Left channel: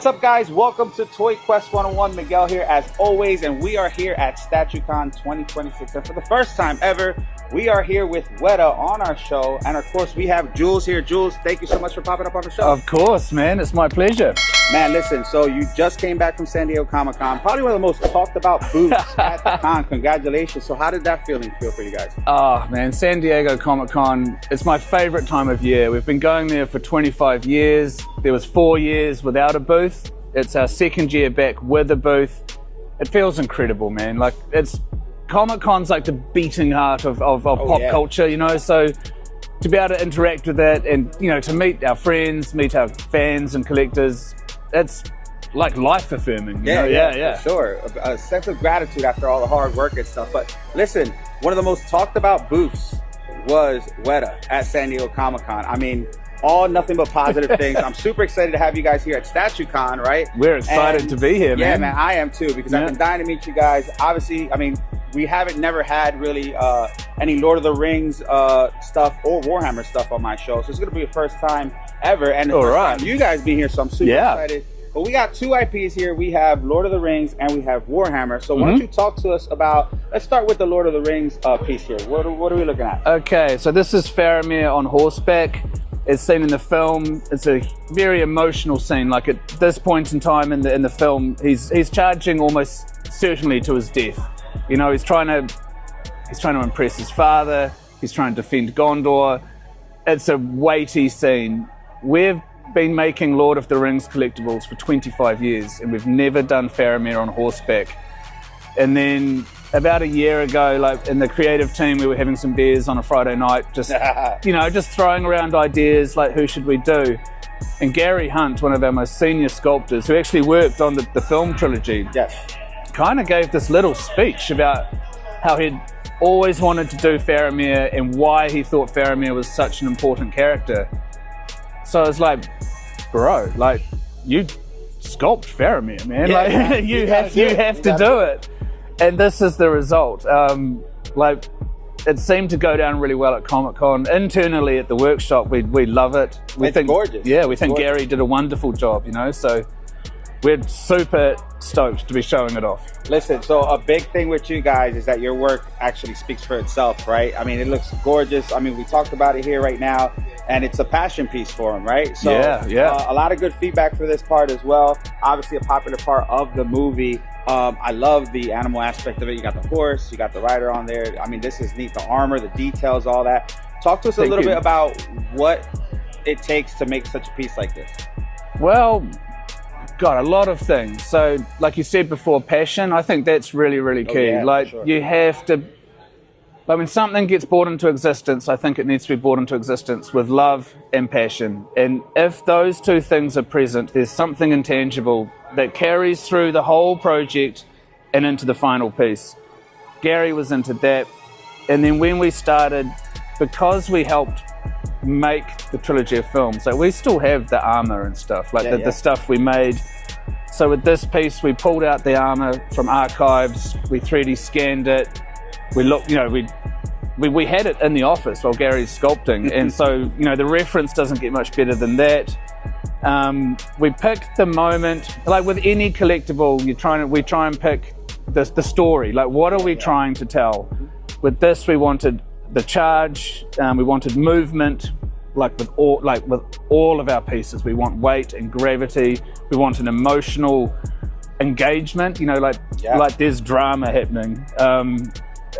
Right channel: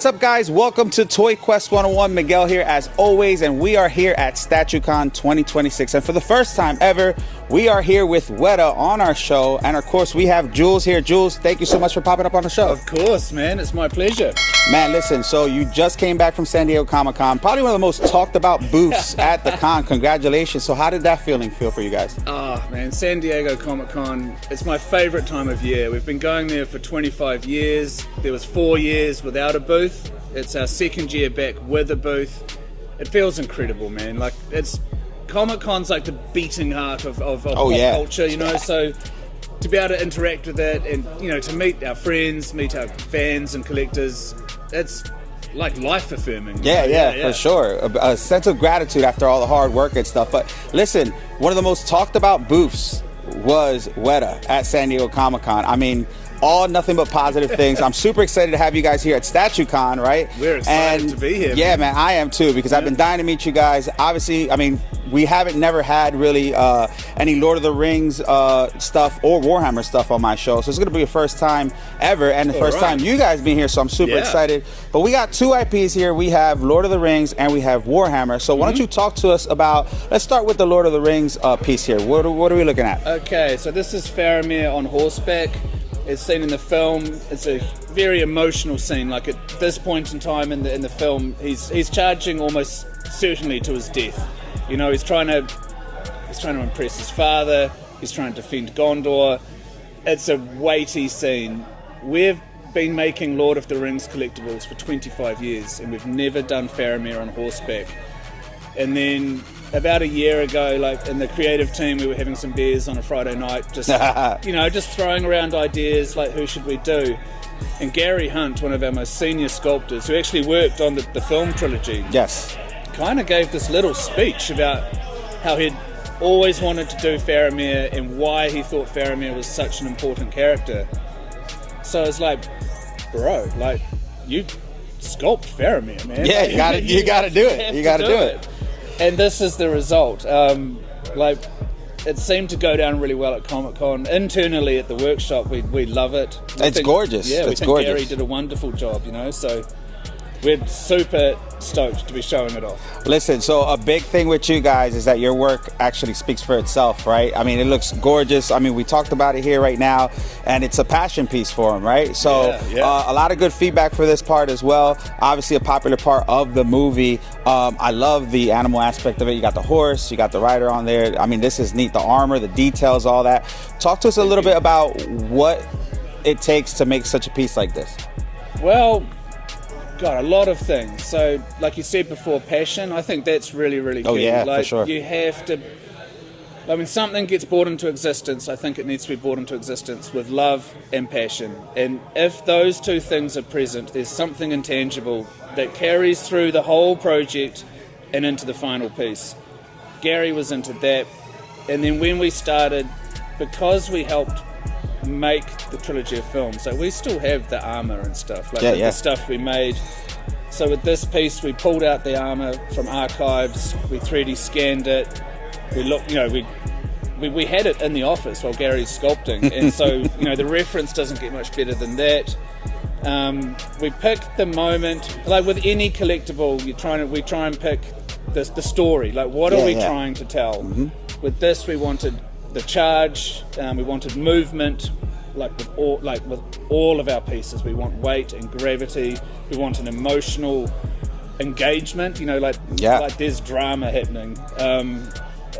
What's up, guys? Welcome to Toy Quest 101. Miguel here as always, and we are here at Statue Con 2026. And for the first time ever, we are here with Weta on our show. And of course, we have Jules here. Jules, thank you so much for popping up on the show. Of course, man. It's my pleasure. Man, listen, so you just came back from San Diego Comic-Con, probably one of the most talked about booths at the con. Congratulations. So how did that feeling feel for you guys? Oh, man, San Diego Comic-Con, it's my favorite time of year. We've been going there for 25 years. There was 4 years without a booth. It's our second year back with a booth. It feels incredible, man. Like, Comic-Con's like the beating heart of pop culture, you know, so to be able to interact with it and, you know, to meet our friends, meet our fans and collectors, it's like life affirming. Yeah, for sure. A sense of gratitude after all the hard work and stuff. But listen, one of the most talked about booths was Weta at San Diego Comic-Con. I mean, all nothing but positive things. I'm super excited to have you guys here at Statue Con, right? We're excited to be here, yeah, man, I am too, because I've been dying to meet you guys. Obviously, I mean, we haven't never had really any Lord of the Rings stuff or Warhammer stuff on my show, so it's gonna be the first time ever, and the first time you guys being here, so I'm super excited. But we got two IPs here. We have Lord of the Rings and we have Warhammer. So why don't you talk to us about, let's start with the Lord of the Rings piece here. What are we looking at? Okay, so this is Faramir on horseback. It's seen in the film. It's a very emotional scene. Like, at this point in time in the film, he's charging almost certainly to his death. You know, he's trying to impress his father. He's trying to defend Gondor. It's a weighty scene. We've been making Lord of the Rings collectibles for 25 years, and we've never done Faramir on horseback. And then about a year ago, like, in the creative team, we were having some beers on a Friday night, just you know, just throwing around ideas like, who should we do? And Gary Hunt, one of our most senior sculptors, who actually worked on the film trilogy, kind of gave this little speech about how he'd always wanted to do Faramir and why he thought Faramir was such an important character. So I was like, bro, like, you sculpt Faramir, man. Yeah, like, you have to do it. And this is the result. Like, it seemed to go down really well at Comic-Con. Internally at the workshop, we love it. It's gorgeous. Yeah, we think Gary did a wonderful job, you know, so we're super stoked to be showing it off. Listen, so a big thing with you guys is that your work actually speaks for itself, right? I mean, it looks gorgeous. I mean, we talked about it here right now, and it's a passion piece for him, right? So a lot of good feedback for this part as well. Obviously a popular part of the movie. I love the animal aspect of it. You got the horse, you got the rider on there. I mean, this is neat. The armor, the details, all that. Talk to us a little bit about what it takes to make such a piece like this. Well, God, a lot of things. So, like you said before, passion, I think that's really, really key. Oh, yeah, like, for sure. You have to, like, when something gets brought into existence, I think it needs to be brought into existence with love and passion. And if those two things are present, there's something intangible that carries through the whole project and into the final piece. Gary was into that. And then when we started, because we helped make the trilogy of films, so we still have the armor and stuff, like the stuff we made. So with this piece, we pulled out the armor from archives, we 3D scanned it, we looked, you know, we had it in the office while Gary's sculpting, and so, you know, the reference doesn't get much better than that. We picked the moment, like with any collectible, we try and pick the story, like what are we trying to tell? With this, we wanted the charge, we wanted movement, like with all of our pieces. We want weight and gravity. We want an emotional engagement, you know, like there's drama happening.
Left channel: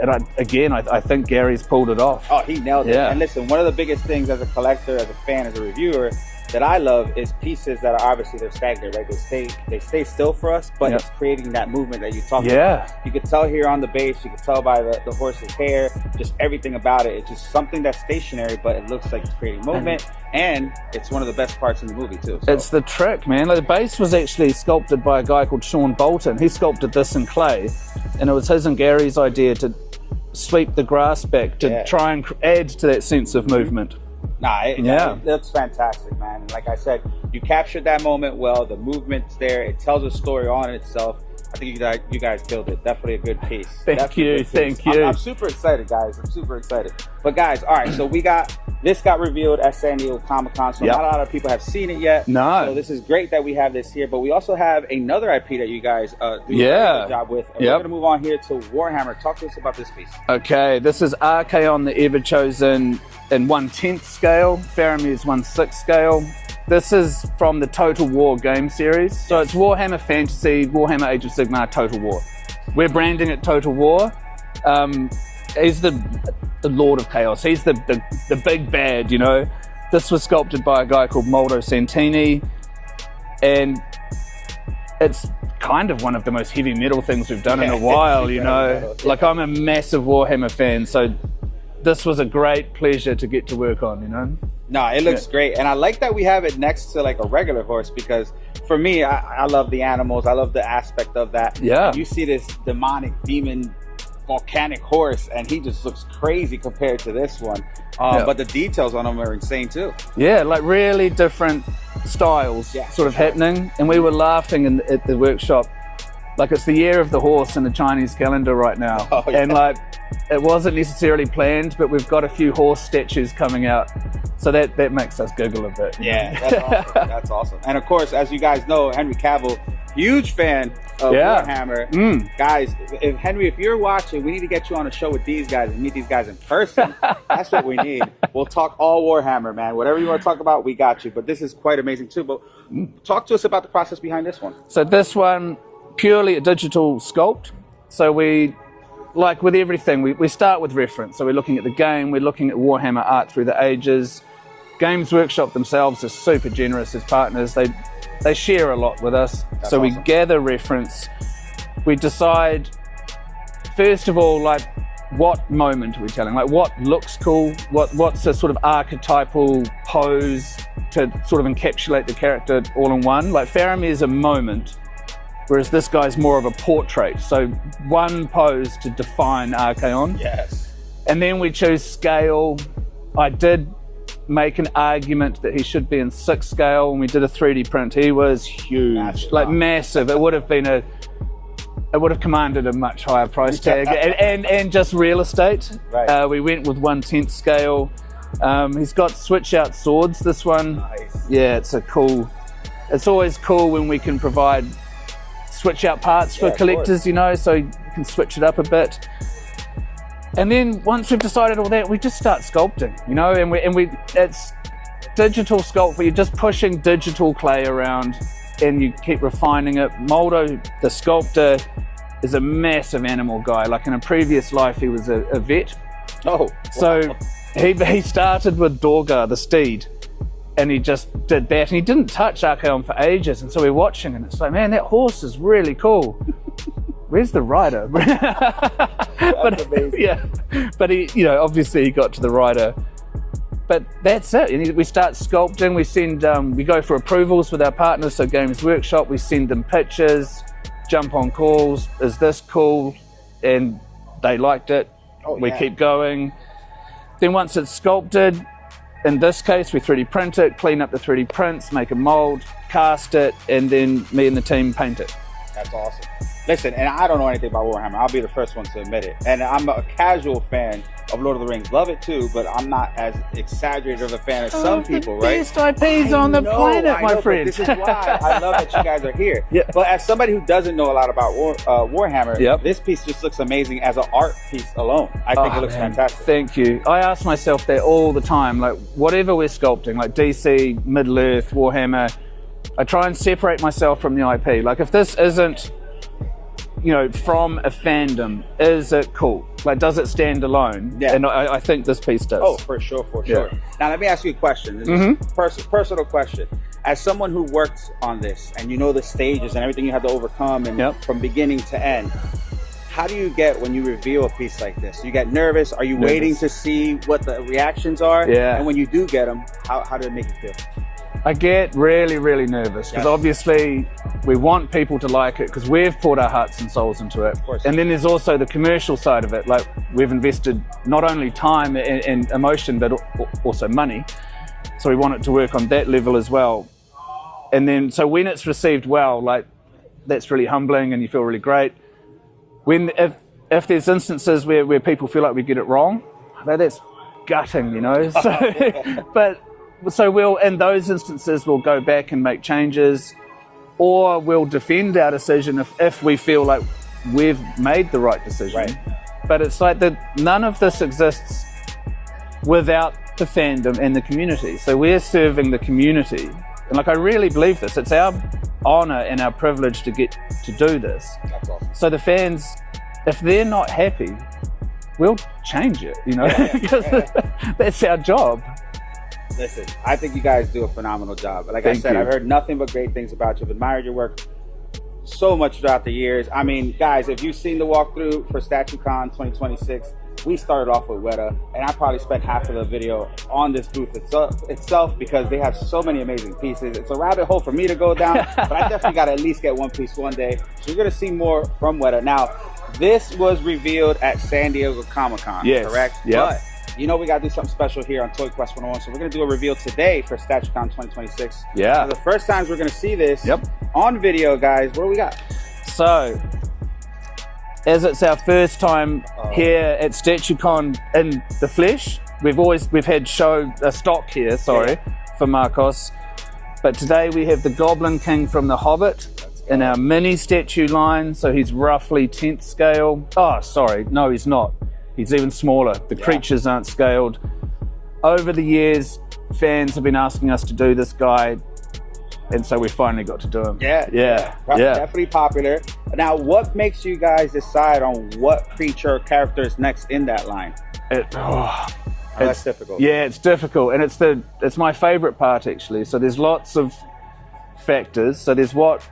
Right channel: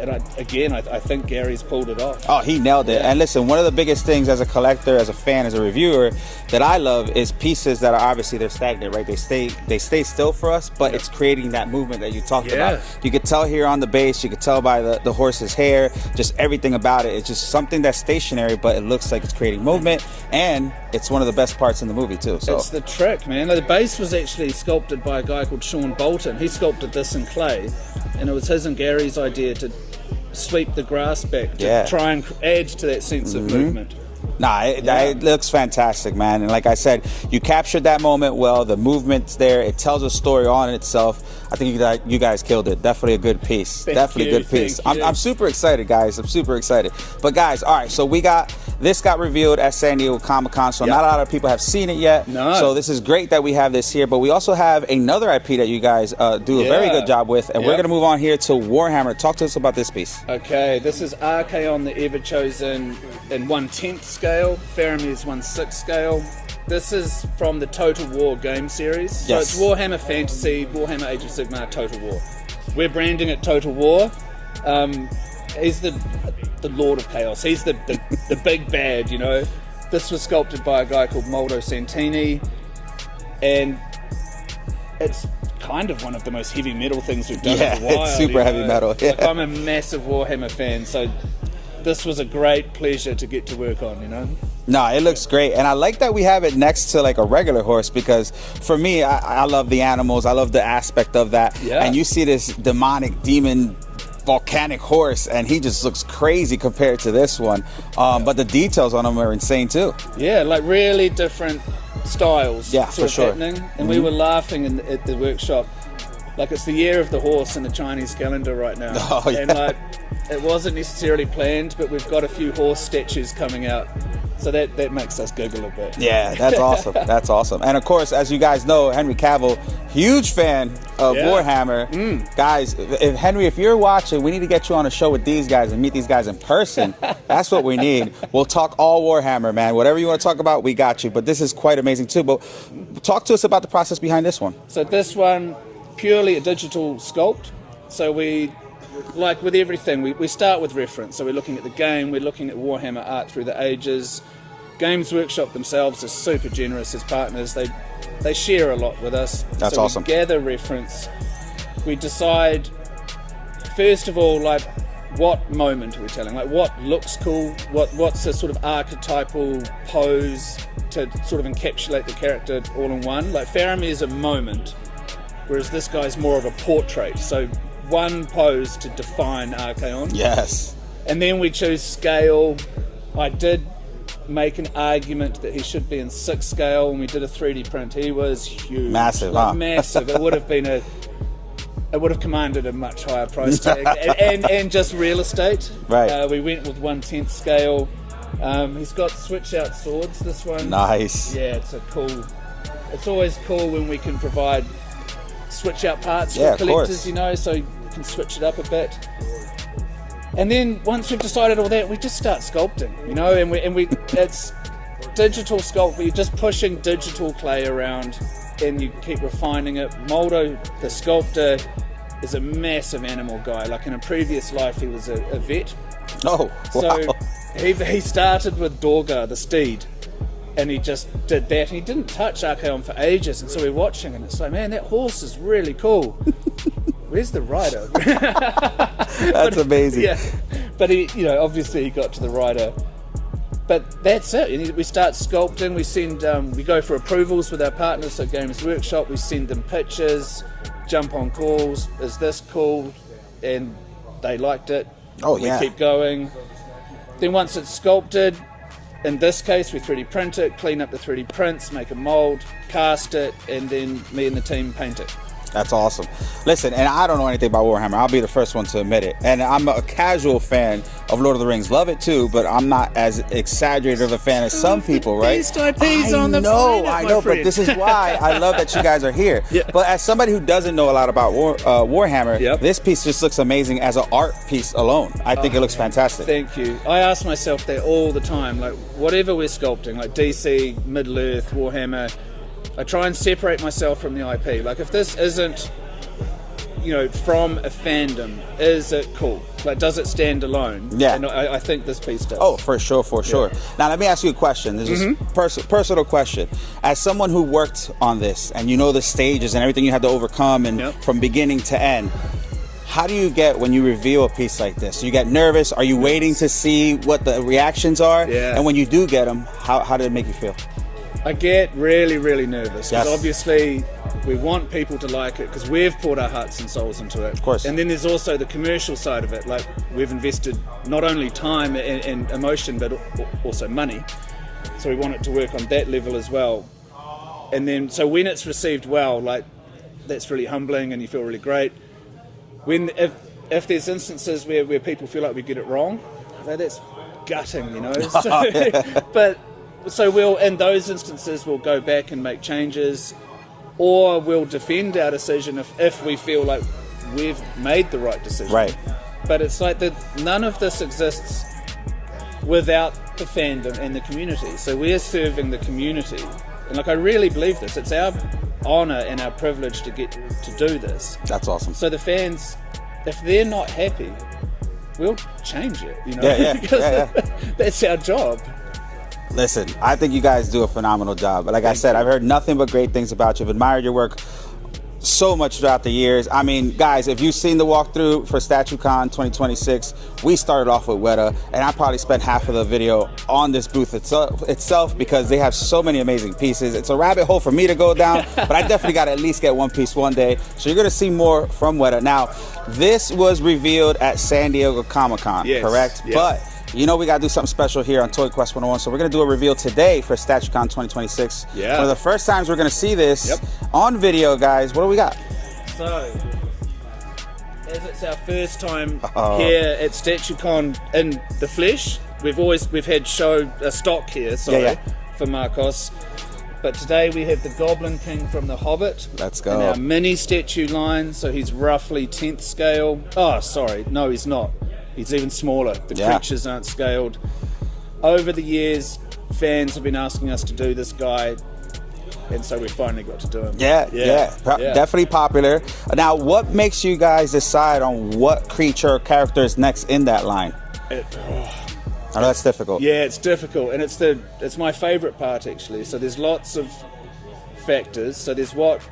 And I think Gary's pulled it off. Oh, he nailed it. And listen, one of the biggest things as a collector, as a fan, as a reviewer that I love is pieces that are obviously they're stagnant, right? They stay still for us, but it's creating that movement that you talked about. You could tell here on the base, you could tell by the horse's hair, just everything about it. It's just something that's stationary, but it looks like it's creating movement, and it's one of the best parts in the movie too. So. It's the trick, man. Like, the base was actually sculpted by a guy called Sean Bolton. He sculpted this in clay, and it was his and Gary's idea to sweep the grass back to try and add to that sense of movement. Nah, it looks fantastic, man. And like I said, you captured that moment well. The movement's there. It tells a story on itself. I think you guys killed it. Definitely a good piece. Thank you. I'm super excited, guys. I'm super excited. But guys, all right, so we got This got revealed at San Diego Comic-Con, so not a lot of people have seen it yet. No. So this is great that we have this here, but we also have another IP that you guys do a very good job with, and we're going to move on here to Warhammer. Talk to us about this piece. Okay, this is Archaon, the EVERCHOSEN in 1/10 scale, Faramir's 1/6 scale. This is from the Total War game series. So it's Warhammer Fantasy, Warhammer Age of Sigmar, Total War. We're branding it Total War. He's the Lord of Chaos. He's the big bad, you know. This was sculpted by a guy called Moldo Santini, and it's kind of one of the most heavy metal things we've done in a while. It's super heavy metal. Like, I'm a massive Warhammer fan, so this was a great pleasure to get to work on, you know. No, it looks great, and I like that we have it next to like a regular horse, because for me, I love the animals. I love the aspect of that. Yeah. And you see this demonic demon volcanic horse, and he just looks crazy compared to this one. But the details on him are insane too. Yeah, like really different styles sort of happening. And we were laughing at the workshop, like it's the year of the horse in the Chinese calendar right now. And like, it wasn't necessarily planned, but we've got a few horse statues coming out. So that makes us giggle a bit. Yeah, that's awesome. That's awesome. And of course, as you guys know, Henry Cavill, huge fan of Warhammer. Guys, if you're watching, we need to get you on a show with these guys and meet these guys in person. That's what we need. We'll talk all Warhammer, man. Whatever you want to talk about, we got you. But this is quite amazing too. But talk to us about the process behind this one. So this one, purely a digital sculpt. So we, like with everything, we start with reference. So we're looking at the game, we're looking at Warhammer art through the ages. Games Workshop themselves are super generous as partners. They share a lot with us. That's so awesome. We gather reference. We decide, first of all, like, what moment are we telling? Like, what looks cool? What's a sort of archetypal pose to sort of encapsulate the character all in one? Like, Faramir is a moment, whereas this guy's more of a portrait. So one pose to define Archaon. Yes. And then we choose scale. I did make an argument that he should be in 6 scale. When we did a 3D print, he was huge. Massive. Like massive. It would have commanded a much higher price tag. and just real estate. Right. We went with 1/10 scale. He's got switch out swords, this one. Nice. Yeah, it's always cool when we can provide switch out parts for collectors, you know, so you can switch it up a bit. And then once we've decided all that, we just start sculpting, you know, and we it's digital sculpt, but you're just pushing digital clay around and you keep refining it. Moldo, the sculptor, is a massive animal guy. Like in a previous life, he was a vet. Oh, wow. So he started with Dorgar, the steed, and he just did that. And he didn't touch Archaon for ages, and so we're watching, and it's like, man, that horse is really cool. Where's the rider? That's amazing. Yeah, but he, you know, obviously he got to the rider. But that's it. And we start sculpting. We send, we go for approvals with our partners. So Games Workshop, we send them pictures, jump on calls. Is this cool? And they liked it. Oh, we keep going. Then once it's sculpted, in this case, we 3D print it, clean up the 3D prints, make a mold, cast it, and then me and the team paint it. That's awesome. Listen, and I don't know anything about Warhammer. I'll be the first one to admit it. And I'm a casual fan of Lord of the Rings. Love it too, but I'm not as exaggerated of a fan as some people, right? Best IPs on the planet, my friend. But this is why I love that you guys are here. But as somebody who doesn't know a lot about Warhammer, this piece just looks amazing as an art piece alone. I think it looks fantastic. Thank you. I ask myself that all the time. Like, whatever we're sculpting, like DC, Middle-earth, Warhammer, I try and separate myself from the IP. Like, if this isn't, you know, from a fandom, is it cool? Like, does it stand alone? Yeah. And I think this piece does. Oh, for sure, for sure. Now, let me ask you a question. This is a personal question. As someone who worked on this, and you know the stages and everything you had to overcome, and from beginning to end, how do you get when you reveal a piece like this? You get nervous? Are you waiting to see what the reactions are? Yeah. And when you do get them, how did it make you feel? I get really, really nervous because obviously we want people to like it because we've poured our hearts and souls into it. Of course. And then there's also the commercial side of it. Like, we've invested not only time and emotion, but also money. So we want it to work on that level as well. And then, so when it's received well, like, that's really humbling and you feel really great. If there's instances where people feel like we get it wrong, that's gutting, you know. So we'll, in those instances, we'll go back and make changes, or we'll defend our decision if we feel like we've made the right decision. Right. But it's like that none of this exists without the fandom and the community. So we're serving the community. And like, I really believe this. It's our honor and our privilege to get to do this. That's awesome. So the fans, if they're not happy, we'll change it, you know, because that's our job. Listen, I think you guys do a phenomenal job. But like I said, I've heard nothing but great things about you. I've admired your work so much throughout the years. I mean, guys, if you've seen the walkthrough for Statue Con 2026, we started off with Weta, and I probably spent half of the video on this booth itself because they have so many amazing pieces. It's a rabbit hole for me to go down, but I definitely got to at least get one piece one day. So you're going to see more from Weta. Now, this was revealed at San Diego Comic-Con, correct? Yep. But you know we got to do something special here on Toy Quest 101, so we're going to do a reveal today for StatueCon 2026. Yeah. For the first times we're going to see this on video, guys. What do we got? So, as it's our first time here at StatueCon in the flesh, we've had a stock here, for Marcos. But today we have the Goblin King from the Hobbit. Let's go. In our mini statue line, so he's roughly 10th scale. Oh, sorry, no, he's not. He's even smaller. The creatures aren't scaled. Over the years, fans have been asking us to do this guy, and so we finally got to do him. Definitely popular. Now, what makes you guys decide on what creature or character is next in that line? That's difficult. Yeah, it's difficult, and it's my favorite part, actually. So there's lots of factors. So there's what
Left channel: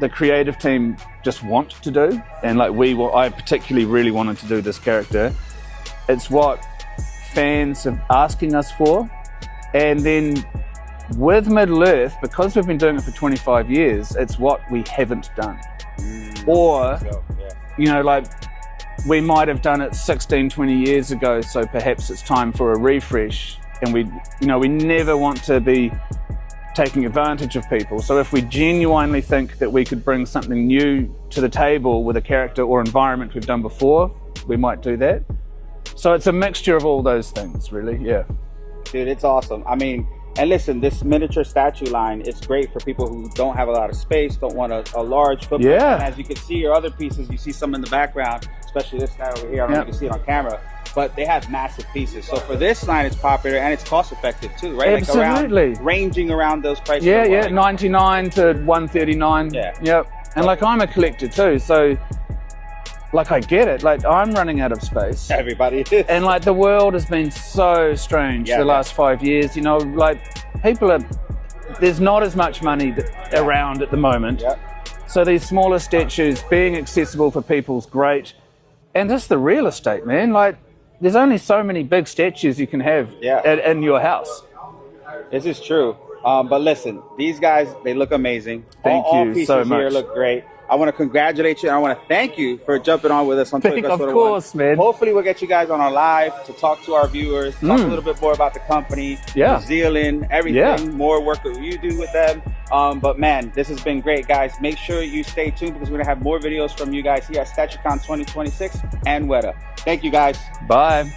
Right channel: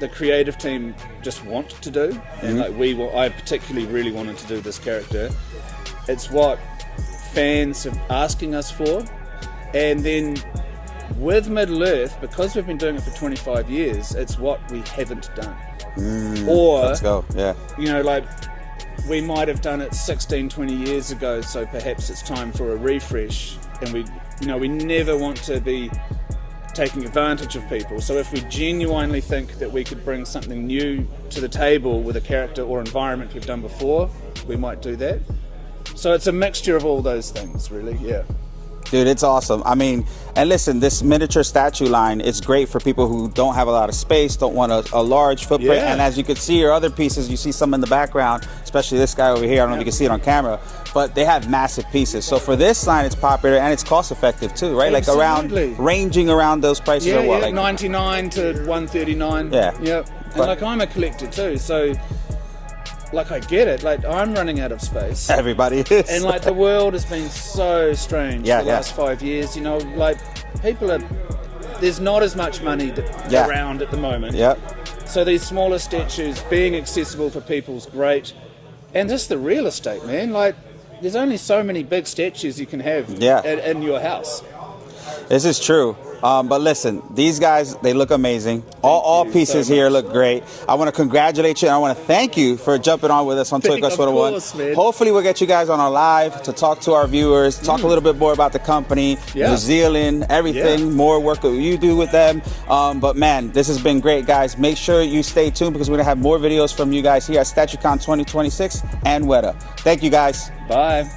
the creative team just want to do, and like I particularly really wanted to do this character. It's what fans are asking us for, and then with Middle-earth, because we've been doing it for 25 years, it's what we haven't done. Let's go. Yeah. You know, like we might have done it 16, 20 years ago, so perhaps it's time for a refresh, and we never want to be taking advantage of people. So if we genuinely think that we could bring something new to the table with a character or environment we've done before, we might do that. So it's a mixture of all those things, really. Yeah. Dude, it's awesome. I mean, and listen, this miniature statue line, it's great for people who don't have a lot of space, don't want a large footprint. Yeah. And as you can see your other pieces, you see some in the background, especially this guy over here. I don't know if you can see it on camera, but they have massive pieces. So for this line, it's popular and it's cost effective too, right? Absolutely. Like ranging around those prices. Yeah, like 99 to 139. Yeah. Yep. And like, I'm a collector too, so like, I get it. Like, I'm running out of space. Everybody is. And like, the world has been so strange the last 5 years. You know, like, there's not as much money around at the moment. Yeah. So these smaller statues being accessible for people's great. And just the real estate, man. Like, there's only so many big statues you can have in your house. This is true. But listen, these guys, they look amazing. All pieces here look great. I want to congratulate you, and I want to thank you for jumping on with us on Toy Quest 101. Of course, man. Hopefully we'll get you guys on our live to talk to our viewers, talk a little bit more about the company, New Zealand, everything, more work that you do with them. But man, this has been great, guys. Make sure you stay tuned because we're going to have more videos from you guys here at StatueCon 2026 and Weta. Thank you, guys. Bye.